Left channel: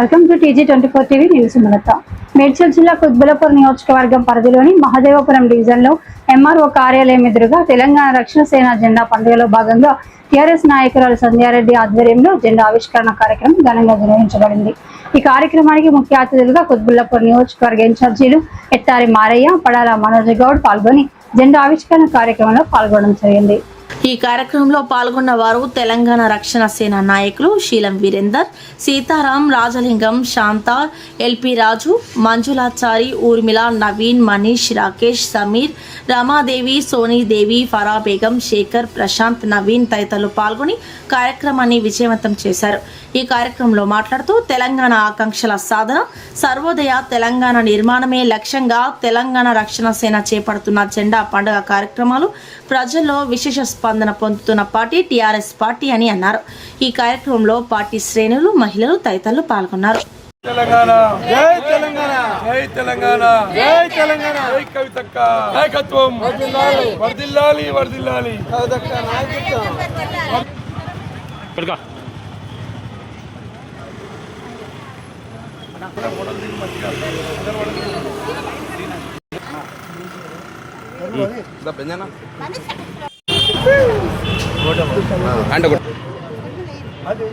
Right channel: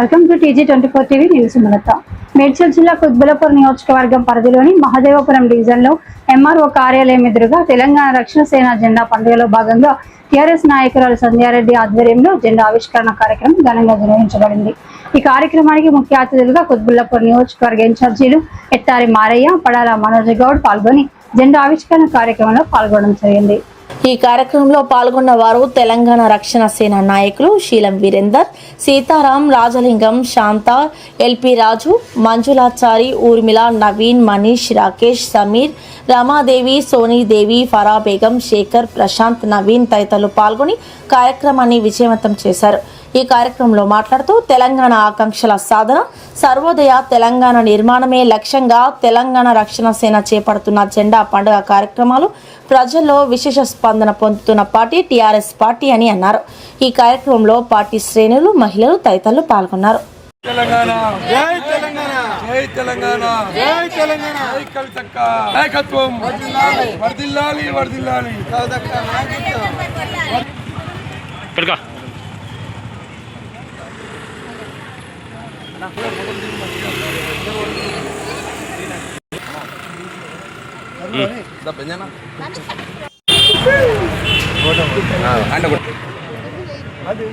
Welcome to TG24 TV news. Medchal జిల్లా కుత్బుల్లాపూర్ నియోజకవర్గం పరిధిలోని మహదేవపురం డివిజన్లో MRO కార్యాలయం ఎదురుగా తెలంగాణ రక్షణ సేన జెండా పండుగలో భాగంగా టీఆర్ఎస్ నాయకురాలు సంధ్యారెడ్డి ఆధ్వర్యంలో జెండా ఆవిష్కరణ కార్యక్రమం ఘనంగా నిర్వహించబడింది. ఈ కార్యక్రమానికి ముఖ్య అతిథులుగా కుత్బుల్లాపూర్ నియోజకవర్గ ఇన్ఛార్జీలు ఎత్తారి మారయ్య, పడాల మనోజ్ గౌడ్ పాల్గొని జెండా ఆవిష్కరణ కార్యక్రమంలో పాల్గొనడం జరిగింది. ఈ కార్యక్రమంలో పాల్గొన్న వారు తెలంగాణ రక్షణ సేన నాయకులు శీలం వీరేందర్, సీతారాం, రాజలింగం, శాంత, ఎల్పి రాజు, మంజులాచారి, ఊర్మిళ, నవీన్, మనీష్, రాకేష్, సమీర్, రమాదేవి, సోనీదేవి, ఫరా బేగం, శేఖర్, ప్రశాంత్, నవీన్ తదితరులు పాల్గొని కార్యక్రమాన్ని విజయవంతం చేశారు. ఈ కార్యక్రమంలో మాట్లాడుతూ తెలంగాణ ఆకాంక్షల సాధన, సర్వోదయ తెలంగాణ నిర్మాణమే లక్ష్యంగా తెలంగాణ రక్షణ సేన చేపడుతున్న జెండా పండుగ కార్యక్రమాలు ప్రజల్లో విశేష స్పందన పొందుతున్న పార్టీ టీఆర్ఎస్ పార్టీ అని అన్నారు. ఈ కార్యక్రమంలో పార్టీ శ్రేణులు, మహిళలు తదితరులు పాల్గొన్నారు. తెలంగాణ జై తెలంగాణ జై తెలంగాణ జై తెలంగాణ జై కవితక్క నాయకత్వం వర్ధిల్లాలి వర్ధిల్లాలి కవితక్క నాయకత్వం పడక బెంజానా అంట అది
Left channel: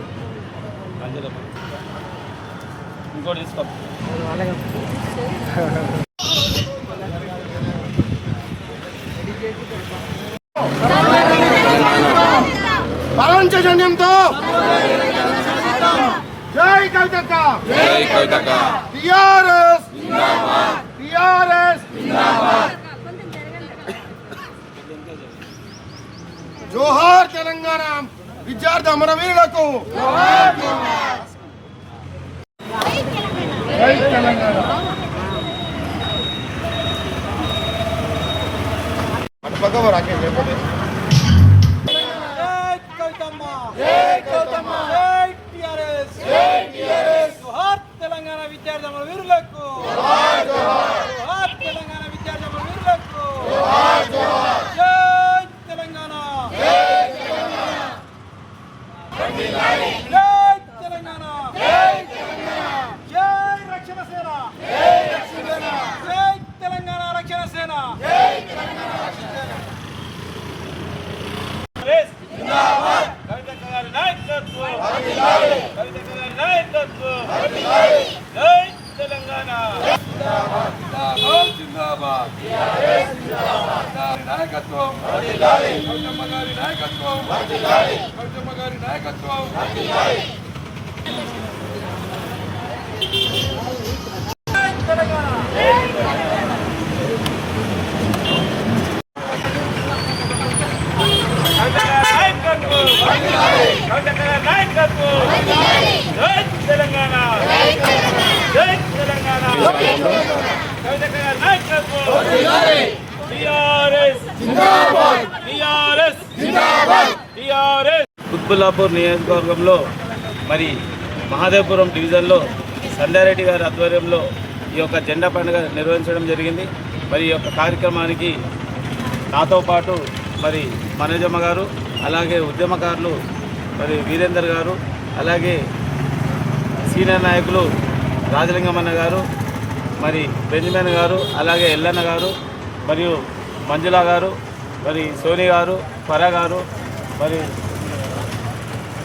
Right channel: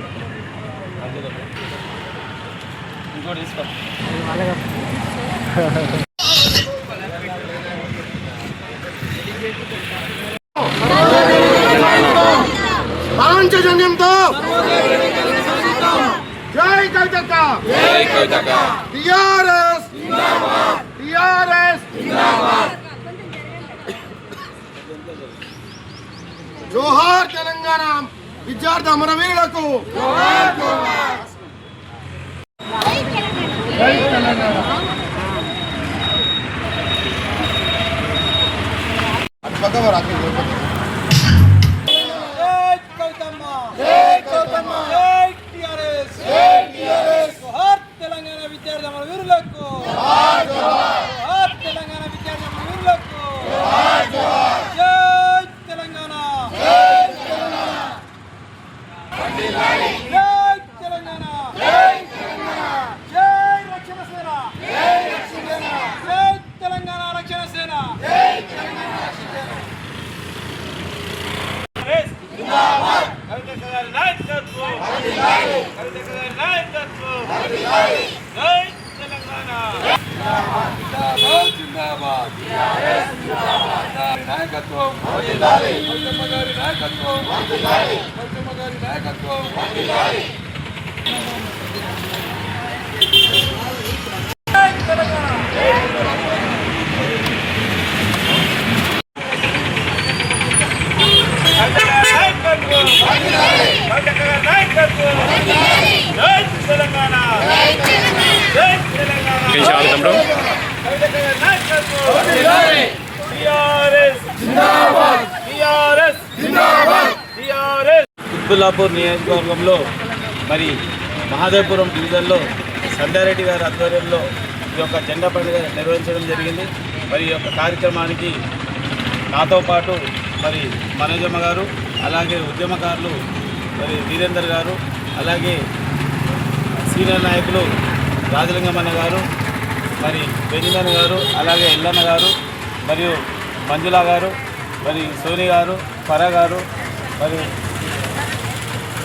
ఇంకోటి తీసుకో పాంచజన్యంతో జై కవితక్క జై కవితక్క టిఆర్ఎస్ జిందాబాద్ టిఆర్ఎస్ జిందాబాద్ జోహార్ తెలంగాణ విద్యార్థి అమరవీరులకు జోహార్ జోహార్ జై తెలంగాణ అటు పక్కవ రాకేష్ జై కవితమ్మ జై కవితమ్మ జై టిఆర్ఎస్ జై టిఆర్ఎస్ జోహార్ తెలంగాణ విద్యార్థి అమరవీరులకు జోహార్ జోహార్ జోహార్ తెలంగాణ విద్యార్థి అమరవీరులకు జోహార్ జోహార్ జై తెలంగాణ జై తెలంగాణ వర్ధిల్లాలి జై తెలంగాణ జై తెలంగాణ జై రక్షణ సేన జై రక్షణ సేన జై తెలంగాణ రక్షణ సేన జై తెలంగాణ రక్షణ సేన జిందాబాద్ కవితక్క గారి నాయకత్వం వర్ధిల్లాలి కవితక్క గారి నాయకత్వం వర్ధిల్లాలి జై తెలంగాణ జిందాబాద్ జిందాబాద్ జిందాబాద్ టిఆర్ఎస్ జిందాబాద్ నాయకత్వం వర్ధిల్లాలి కవితక్క గారి నాయకత్వం వర్ధిల్లాలి కవితక్క గారి నాయకత్వం వర్ధిల్లాలి జై తెలంగాణ కుత్బుల్లాపూర్ నియోజకవర్గంలో మరి మహదేవపురం డివిజన్లో సంధ్యారెడ్డి గారి ఆధ్వర్యంలో ఈ యొక్క జెండా పండుగ నిర్వహించడం జరిగింది. మరి ఈ యొక్క కార్యక్రమానికి నాతో పాటు మరి మనోజమ్మ గారు, అలాగే ఉద్యమకారులు మరి వీరేందర్ గారు, అలాగే సీనియర్ నాయకులు రాజలింగమన్న గారు, మరి బెంజమిన్ గారు, అలాగే ఎల్లన్న గారు, మరియు మంజులా గారు, మరి సోని గారు, ఫరా గారు, మరి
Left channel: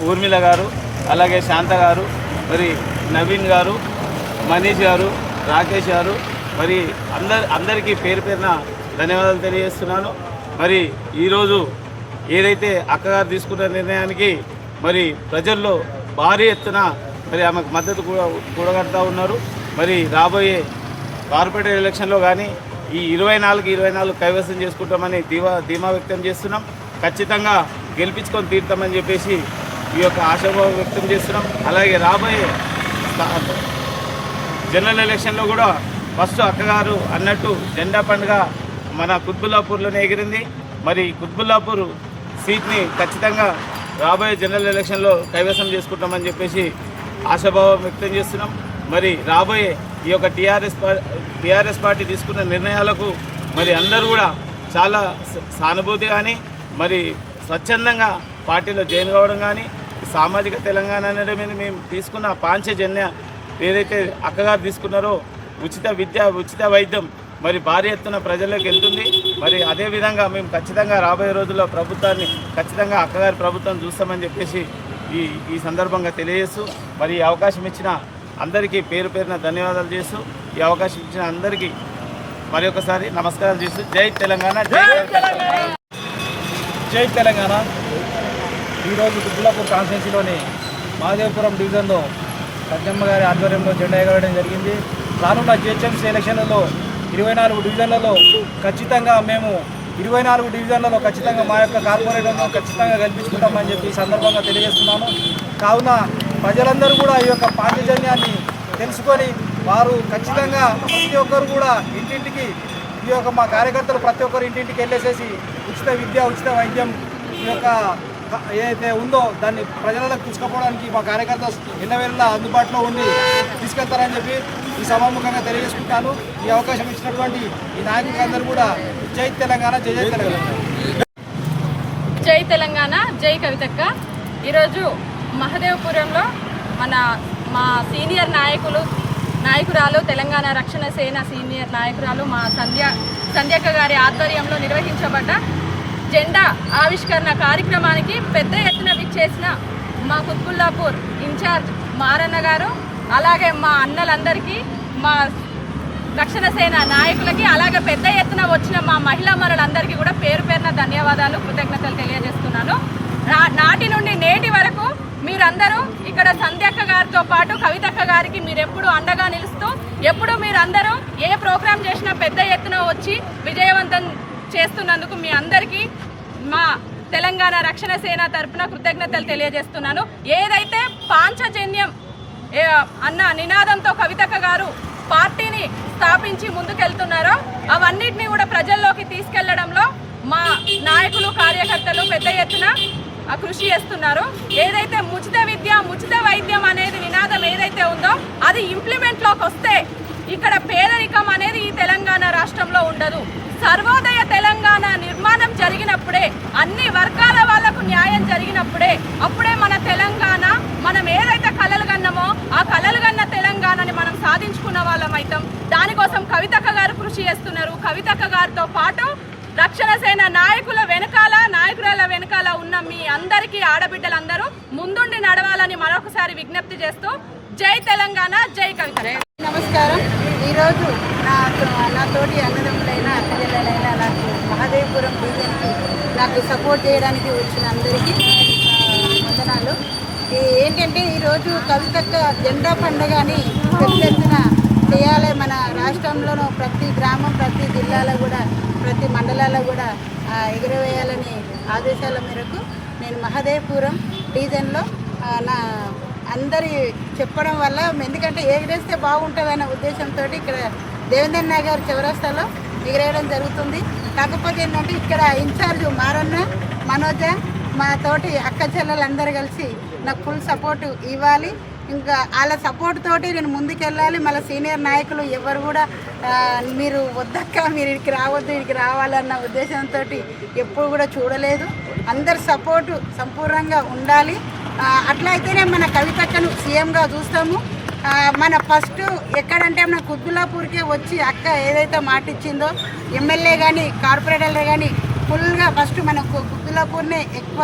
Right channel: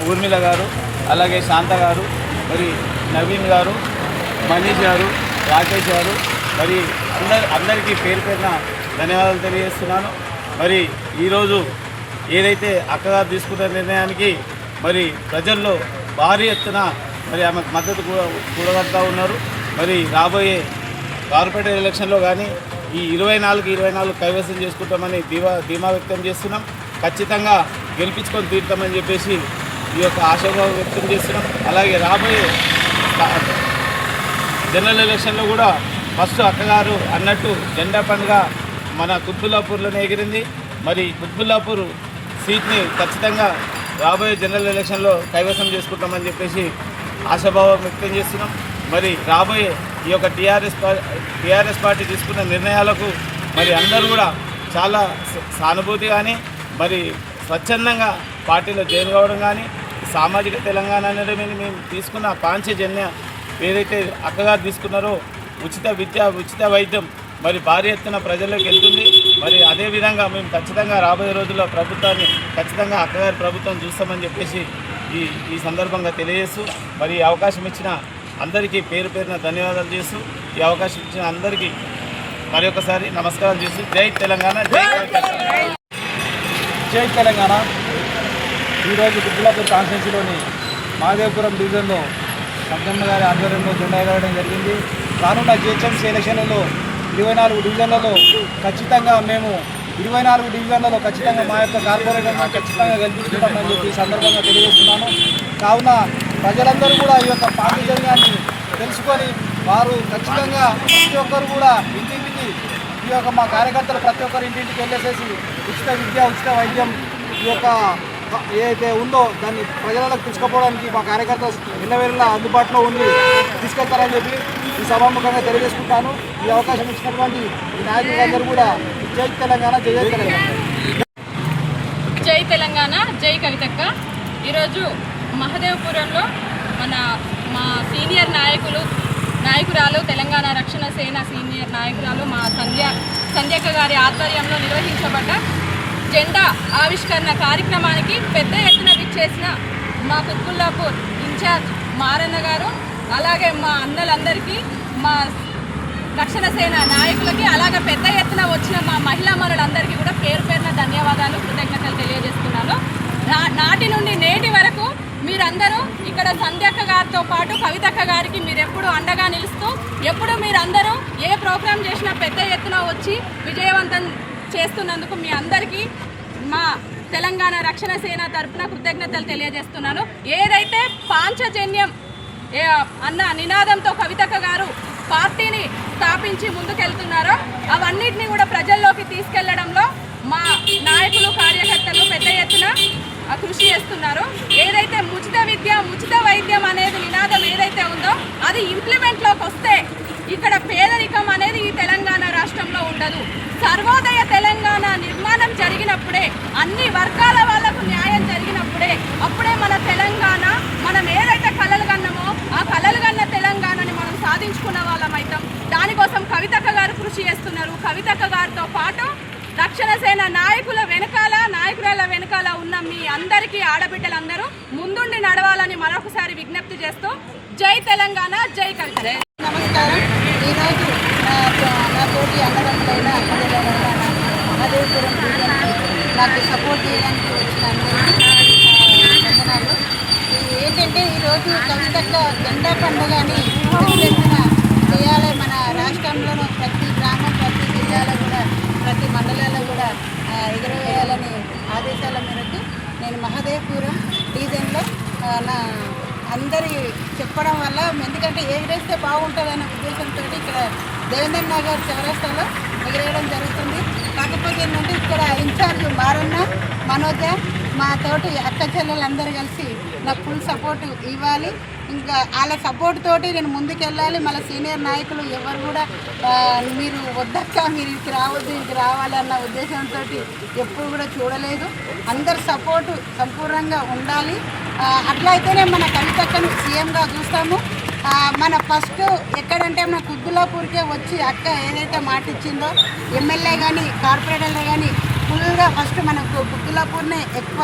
ఊర్మిళ గారు, అలాగే శాంత గారు, మరి నవీన్ గారు, మనీష్ గారు, రాకేష్ గారు, మరి అందరికీ పేరు పేరున ధన్యవాదాలు తెలియజేస్తున్నాను. మరి ఈరోజు ఏదైతే అక్కగారు తీసుకున్న నిర్ణయానికి మరి ప్రజల్లో భారీ ఎత్తున మరి ఆమెకు మద్దతు కూడగడతా ఉన్నారు. మరి రాబోయే కార్పొరేటర్ ఎలక్షన్లో కానీ ఈ 24 కైవసం చేసుకుంటామని ధీమా వ్యక్తం చేస్తున్నాం. ఖచ్చితంగా గెలిపించుకొని తీరుతామని చెప్పేసి ఈ యొక్క ఆశాభావం వ్యక్తం చేస్తున్నాం. అలాగే రాబోయే జనరల్ ఎలక్షన్లో కూడా ఫస్ట్ అక్కగారు అన్నట్టు జెండా పండుగ మన కుత్బుల్లాపూర్లోనే ఎగిరింది. మరి కుత్బుల్లాపూర్ సీట్ని ఖచ్చితంగా రాబోయే జనరల్ ఎలక్షన్లో కైవసం చేసుకుంటామని చెప్పేసి ఆశాభావం వ్యక్తం చేస్తున్నాం. మరి రాబోయే ఈ యొక్క టీఆర్ఎస్ పార్టీ తీసుకున్న నిర్ణయాలకు మరి అందరూ కూడా చాలా సానుభూతి కానీ మరి స్వచ్ఛందంగా పార్టీలో జాయిన్ కావడం కానీ సామాజిక తెలంగాణ అనేది మేము తీసుకున్న పాంచజన్య ఏదైతే అక్కగారు తీసుకున్నారో ఉచిత విద్య ఉచిత వైద్యం మరి భారీ ఎత్తున ప్రజల్లోకి వెళ్తుంది. మరి అదేవిధంగా మేము ఖచ్చితంగా రాబోయే రోజుల్లో ప్రభుత్వాన్ని ఖచ్చితంగా అక్కగారి ప్రభుత్వం చూస్తామని చెప్పేసి ఈ సందర్భంగా తెలియజేస్తూ మరి ఈ అవకాశం ఇచ్చిన అందరికీ పేరు పేరున ధన్యవాదాలు చేస్తూ ఈ అవకాశం ఇచ్చిన అందరికీ మరి ఒకసారి నమస్కారం చేస్తూ జై తెలంగాణ జై తెలంగాణ. ఈరోజు కుత్బుల్లాపూర్ కాన్స్టిట్యున్సీలోని మహదేవపురం డివిజన్లో సంజమ్మ గారి ఆధ్వర్యంలో జెండా ఎగరడం జరిగింది. రానున్న జిహెచ్ఎంసీ ఎలక్షన్లలో 24 డివిజన్లలో ఖచ్చితంగా మేము 24 డివిజన్లలో ఖచ్చితంగా మా యొక్క కార్పొరేటర్ను ఖచ్చితంగా గెలిపిస్తున్నామని చెప్పి ఈ సందర్భంగా తెలియజేస్తున్నాను. కావున ప్రజలందరూ కూడా ఈ యొక్క పాండిజన్యాన్ని తెలుసుకొని వారు ఖచ్చితంగా ప్రతి ఒక్కరు కూడా ఇంటింటికి ఈ యొక్క మా కార్యకర్తలు ప్రతి ఒక్కరు ఇంటింటికి వెళ్ళేసేసి ఉచిత విద్య ఉచిత వైద్యం ఈ యొక్క ఏదైతే ఉందో దాన్ని ప్రజలకు తీసుకుపోవడానికి మా కార్యకర్తలు ఎన్నవేళ అందుబాటులో ఉంది తీసుకెళ్తారని చెప్పి ఈ సభాముఖంగా తెలియజేసుకుంటాను. ఈ అవకాశం ఇచ్చినటువంటి ఈ నాయకులందరూ కూడా జై తెలంగాణ జై జై తెలంగాణ. జై తెలంగాణ జై కవితక్క. ఈరోజు మహదేవపురంలో మా సీనియర్ నాయకురాలు తెలంగాణ రక్షణ సేన సీనియర్ నాయకురాలు మా సంధ్యక్క గారి ఆధ్వర్యంలో నిర్వహించబడ్డ జెండా ఆవిష్కరణ కార్యక్రమానికి పెద్ద ఎత్తున విచ్చేసిన మా కుత్బుల్లాపూర్ ఇన్ఛార్జ్ మారన్న గారు, అలాగే మా అన్నలందరికీ, మా రక్షణ సేన నాయకులకి, అలాగే పెద్ద ఎత్తున వచ్చిన మా మహిళా మనులందరికీ కూడా పేరు పేరున ధన్యవాదాలు కృతజ్ఞతలు తెలియజేస్తున్నాను. నాటి నుండి నేటి వరకు మీరందరూ ఇక్కడ సంధ్యక్క గారితో పాటు కవితక్క గారికి మీరెప్పుడు అండగా నిలుస్తూ ఎప్పుడు మీరందరూ ఏ ప్రోగ్రాం చేసినా పెద్ద ఎత్తున వచ్చి విజయవంతం చేస్తున్నందుకు మీ అందరికీ మా తెలంగాణ రక్షణ సేన తరపున కృతజ్ఞతలు తెలియజేస్తున్నాను. ఏదైతే పాంచజన్యం అన్న నినాదంతో కవితక్క గారు పార్టీని స్థాపించి ముందుకెళ్తున్నారో అవన్నిటిని కూడా ప్రజల్లోకి తీసుకెళ్లడంలో మా నాయకులు కార్యకర్తలు పెద్ద ఎత్తున కృషి చేస్తున్నారు. ఏదైతే ఉచిత విద్య ఉచిత వైద్యం అనేది నినాదం ఏదైతే ఉందో అది ఇంప్లిమెంట్లోకి వస్తే ఇక్కడ పేదరికం అనేది ఈ తెలంగాణ రాష్ట్రంలో ఉండదు. సర్వోదయ తెలంగాణ నిర్మాణం జరిగినప్పుడే, అన్ని వర్గాల వాళ్లకు న్యాయం జరిగినప్పుడే అప్పుడే మన తెలంగాణ, మనం ఏదైతే కలలు కన్నామో ఆ కలలు కన్న తెలంగాణని మనం సాధించుకున్న వాళ్ళం అవుతాం. దానికోసం కవితక్క గారు కృషి చేస్తున్నారు. కవితక్క గారితో పాటు రక్షణ సేన నాయకురాల వెనకాల ఉన్న మీ అందరికీ ఆడబిడ్డలందరూ ముందుండి నడవాలని మరొకసారి విజ్ఞప్తి చేస్తూ జై తెలంగాణ జై కవిత. నమస్కారం. ఈరోజు నా తోటి అన్నదమ్ములైన అక్కజలైన నాకు మహదేవపురం డివిజన్కి నాకు సపోర్ట్ చేయడానికి వచ్చిన అందరికీ వందనాలు. ఏంటంటే ఈరోజు కవితక్క జెండా పండుగని పెద్ద ఎత్తున చేయాలి. మన రాష్ట్రంలోనూ ప్రతి గ్రామం, ప్రతి జిల్లాలో కూడా, ప్రతి మండలాల్లో కూడా ఎగురవేయాలని ఆదేశాల మేరకు నేను మహదేవపురం డివిజన్లో నా అందరి చెప్పడం వల్ల, ఎందుకంటే ఎగిరేస్తే బాగుంటుందన్న ఉద్దేశంతో ఇక్కడ దేవేందర్ నగర్ చౌరస్తాలో ఎగిరేయడం జరుగుతుంది. కాకపోతే ఏంటంటే ఇక్కడ ఇన్ఛార్జ్ మారన్న, మనోజ, మా తోటి అక్క చెల్లెలందరూ కలిసి నాకు ఫుల్ సపోర్ట్ ఇవ్వాలి. ఇంకా వాళ్ళ సపోర్ట్ తోటి నేను ముందుకెళ్ళాలి. మళ్ళీ సీనియర్ నాయకులు ఎవరు కూడా మీరు వద్దక్క, మీరు ఇక్కడికి రావద్దు, ఇక్కడికి రావాలన్న ఉద్దేశంతో ఎప్పుడు కూడా చూడలేదు. అందరి సపోర్టు సంపూర్ణంగా ఉండాలి. అట్లయితేనే మన కవితక్కను సీఎంగా చూస్తాము. మన ఫస్ట్ ఎక్కడంటే మన కుత్బుల్లాపూర్కే వచ్చి అక్క ఏదైతే మాట ఇచ్చిందో ఎమ్మెల్యే కానీ కార్పొరేటర్లు కానీ ఫుల్గా ఫస్ట్ మనకు కుత్బుల్లాపూర్నే ఎక్కువ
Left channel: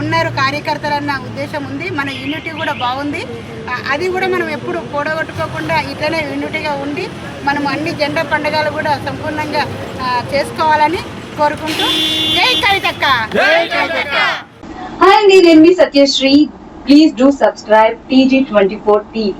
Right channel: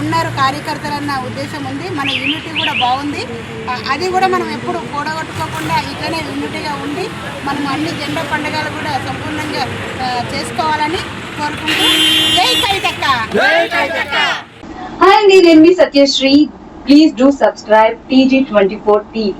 ఉన్నారు కార్యకర్తలు అన్న ఉద్దేశం ఉంది. మన యూనిటీ కూడా బాగుంది. అది కూడా మనం ఎప్పుడు కూడగొట్టుకోకుండా ఇట్లనే యూనిటీగా ఉండి మనం అన్ని జెండా పండుగలు కూడా సంపూర్ణంగా చేసుకోవాలని కోరుకుంటూ జై కవితక్క. Hi, నేను మీ Satyasri. Please do subscribe TG24 TV.